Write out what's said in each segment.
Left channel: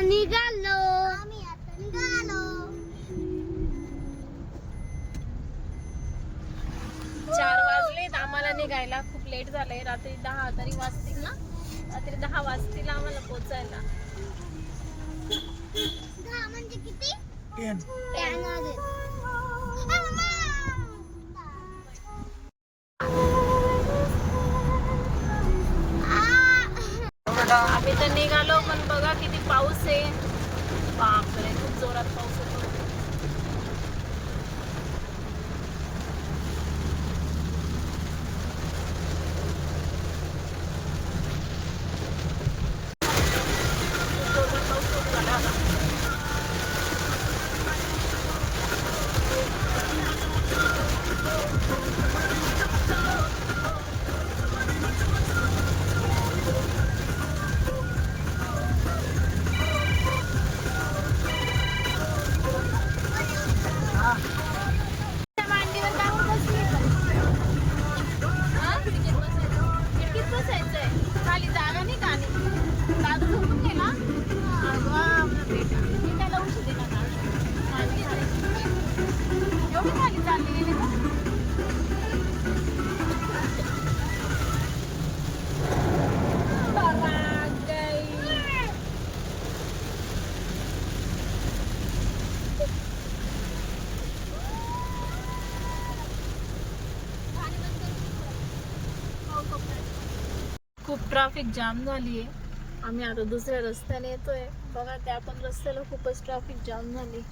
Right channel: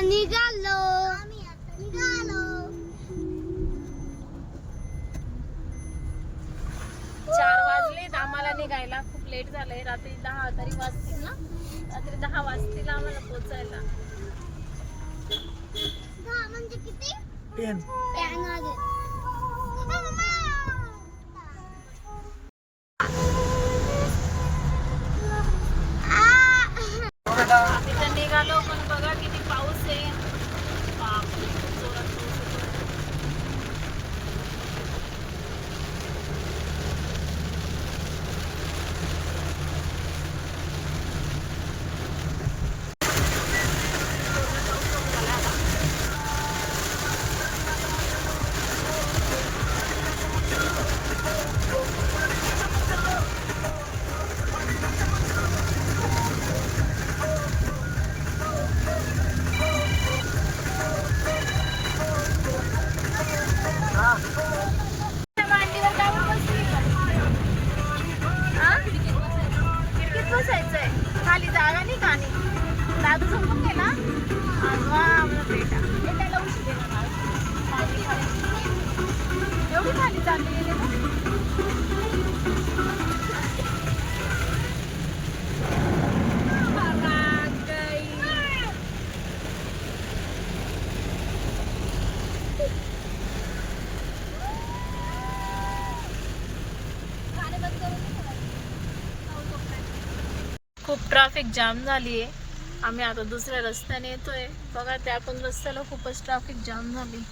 आता निघालो. चार वाजलेत आम्हाला निघायला खूप लेट झालंय. रात्री दहा तरी वाजतील ना? रात्री दहा वाजतील आम्हाला पोचायला. म्हणजे किती टेन आम्ही तर निघालो पण बघा किती पाऊस आहे. ट्रॅफिक जाम झाली आहे. आम्ही आता दुसऱ्या रस्त्याने येतोय. बघा त्या पण रस्त्याला खूपच ट्रॅफिक जाम झाली.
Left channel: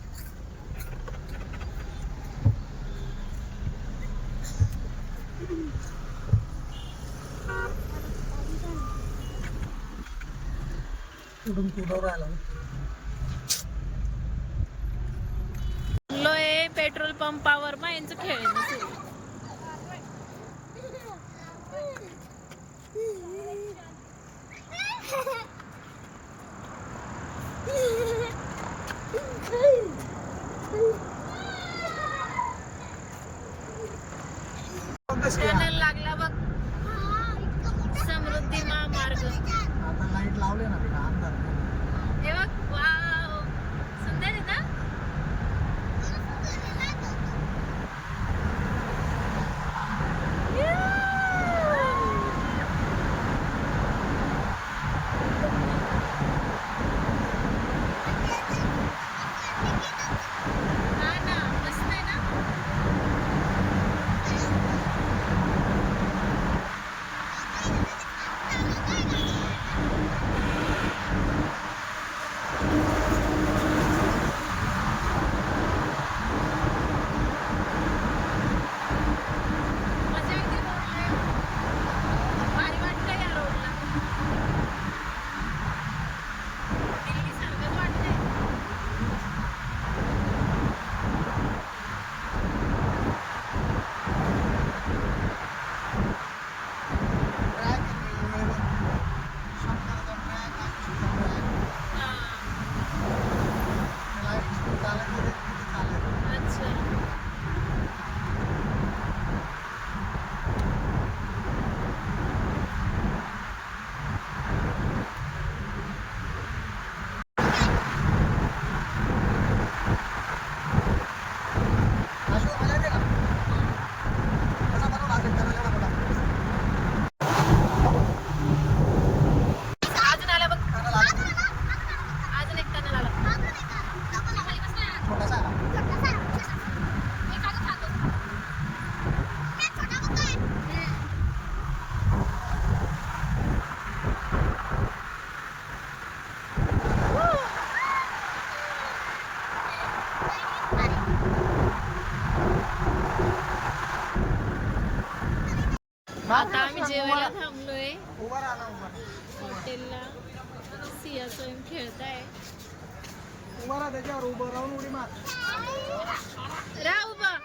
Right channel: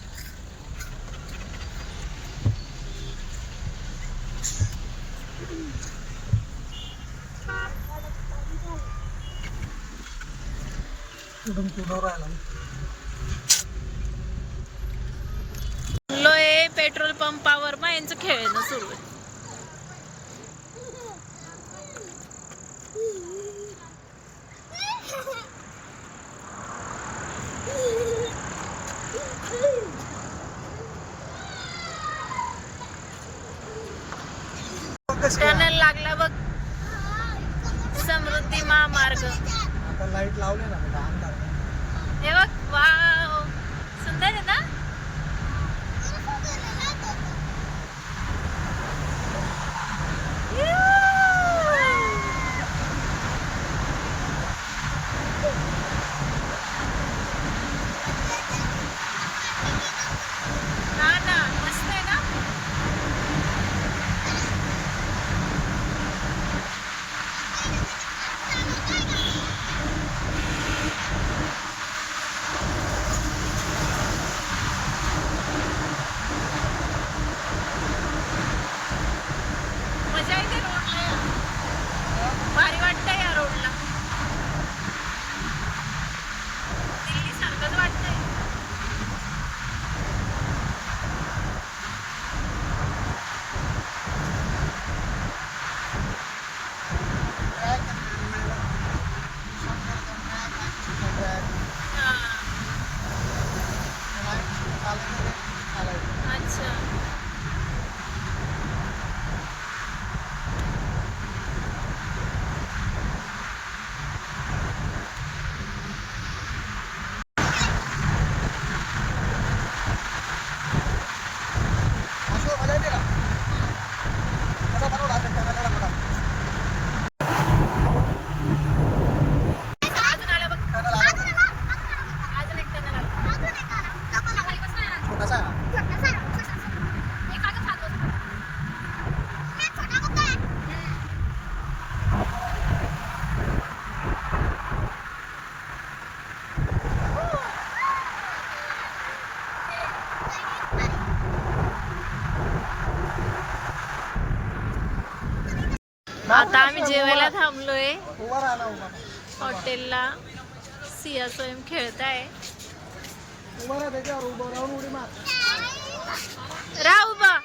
लोय पेट्रोल पंपावर मग यांचं खेळणं सुरू आहे टनल लागला बघ समृद्धी आता लाइट लावले ना बेटा अंधार नाही. हे बघ वाव सुंदर आहे ना हा ना मस्त आहे ना आता आम्ही जेवायला थांबलोय. हॉटेलला. सिया स्वयं आहे राहू बा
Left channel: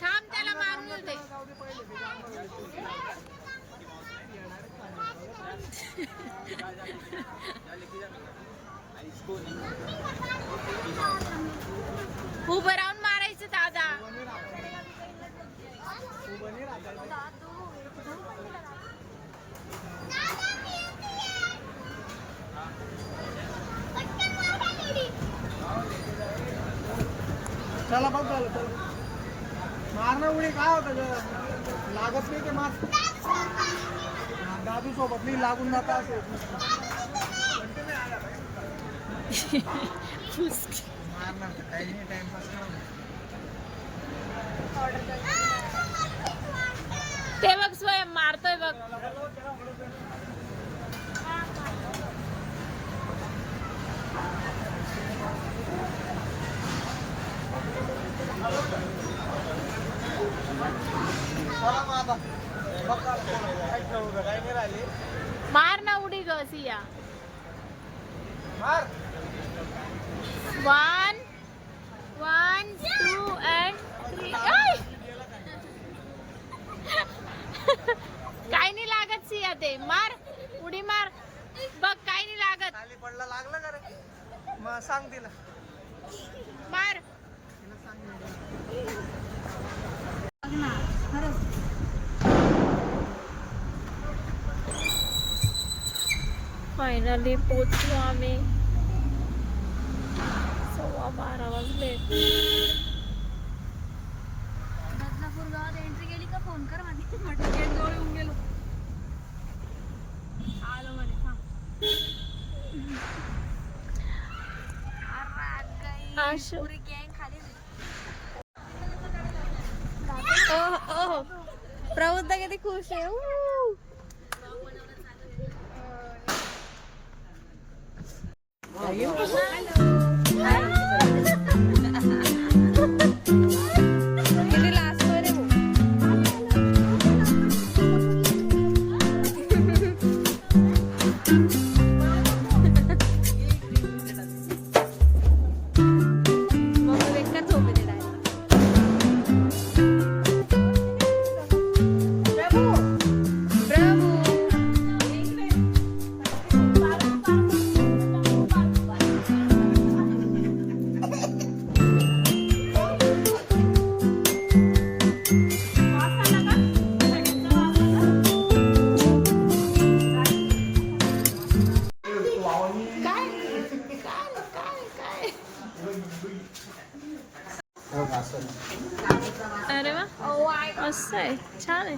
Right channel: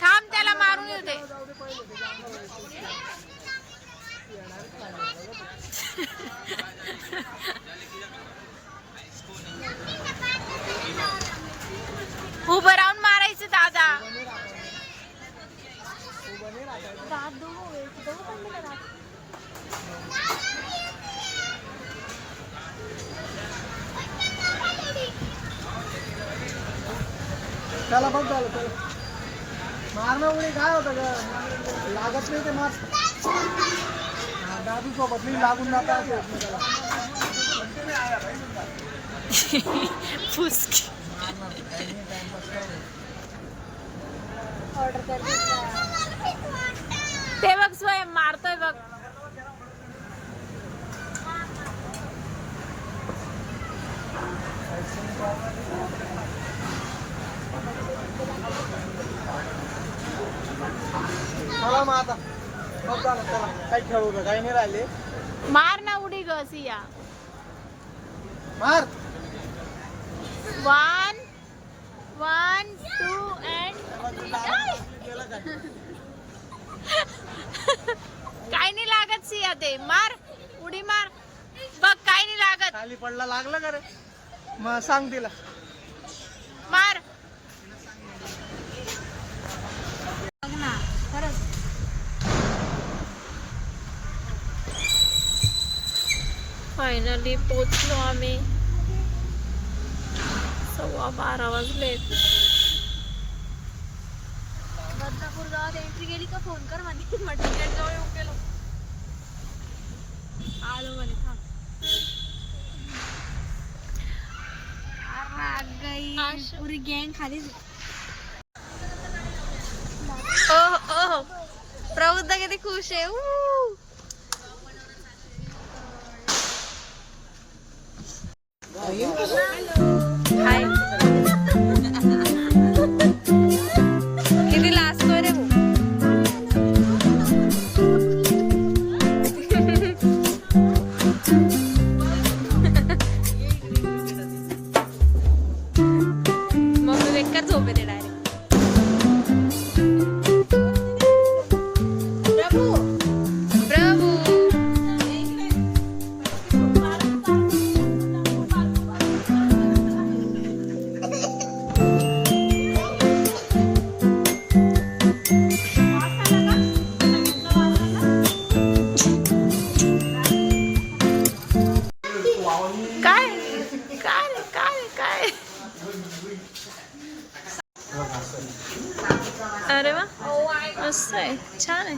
थांब त्याला मारून येऊ दे. चला बघ झालं चला. मारणं उडी काय होतं ग? लागत नाही ते मार. दादू सोबत नाही लागून जाता असे एकमेकाला. मारणार काही नाही टाइमपास करा ते बघ स्वयं मारतोय बघ. चला मग आता. बघ झालं चला. काही खेळू नका काही नाही राहिले. मार ना उडी ग सिया. मार. One one two and three काय नाही लागत सिया ते मार उडी मार. बघ काय नाही लागत. खाली पडला लागलं का रे? मग सांग तिला. मार. फायनली पोचलो आम्ही. सव्वा बारा वाजलेत. फोन कर म्हणे म्हटलं गेट जवळ येऊन गेलो आलो म्हणे थांब आग गई आशु. पुरी गँग खाली ओह ओह प्रबुद्ध किती खुश आहे ऊ.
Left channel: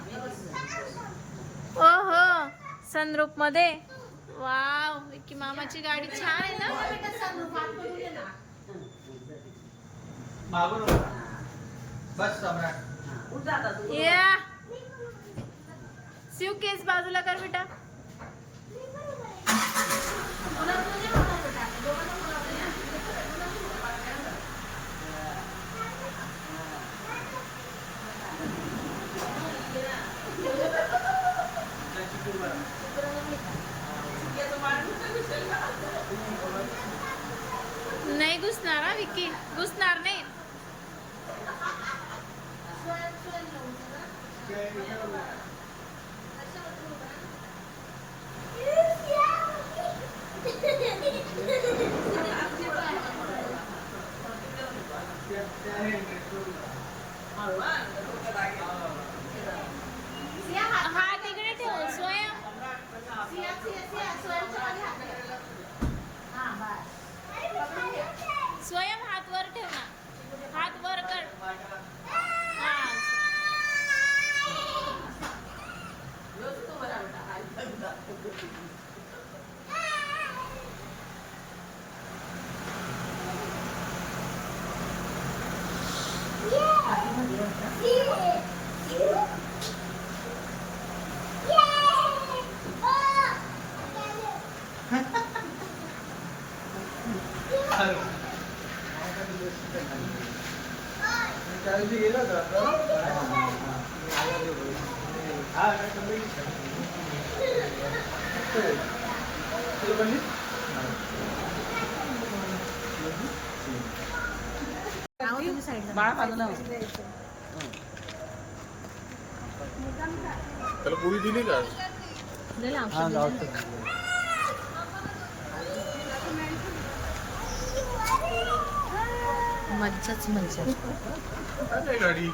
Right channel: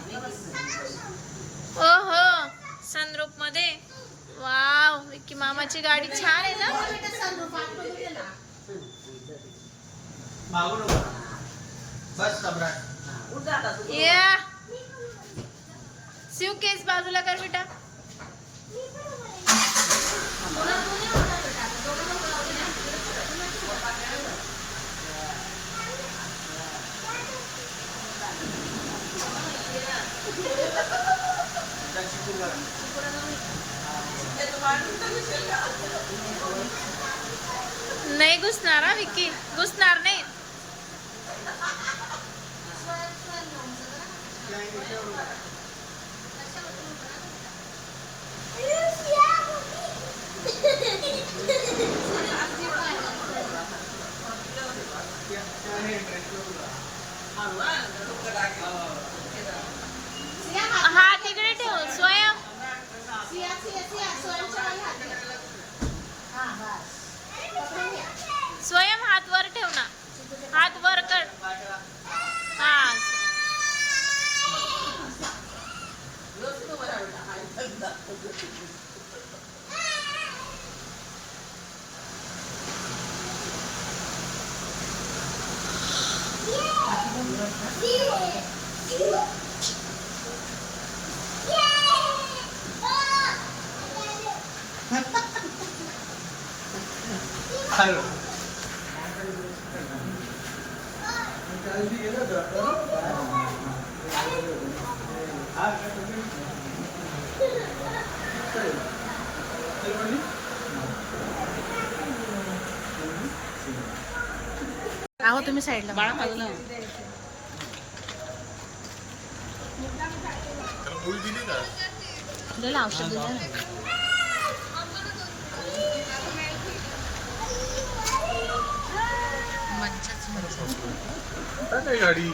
छान आहे ओहो सनरूपमध्ये. वाव विकी मामाची गाडी छान आहे ना? या. शिव केस बाजूला कर बेटा. नाही घुसणार हा विकी. घुसणार नाही. हात वर कर. हा तुम्ही साईडला बाळा माझं नाव. त्याला पोळी दिली का? दिलं औषध दिलं. मज्जाच मज्जा गाडी?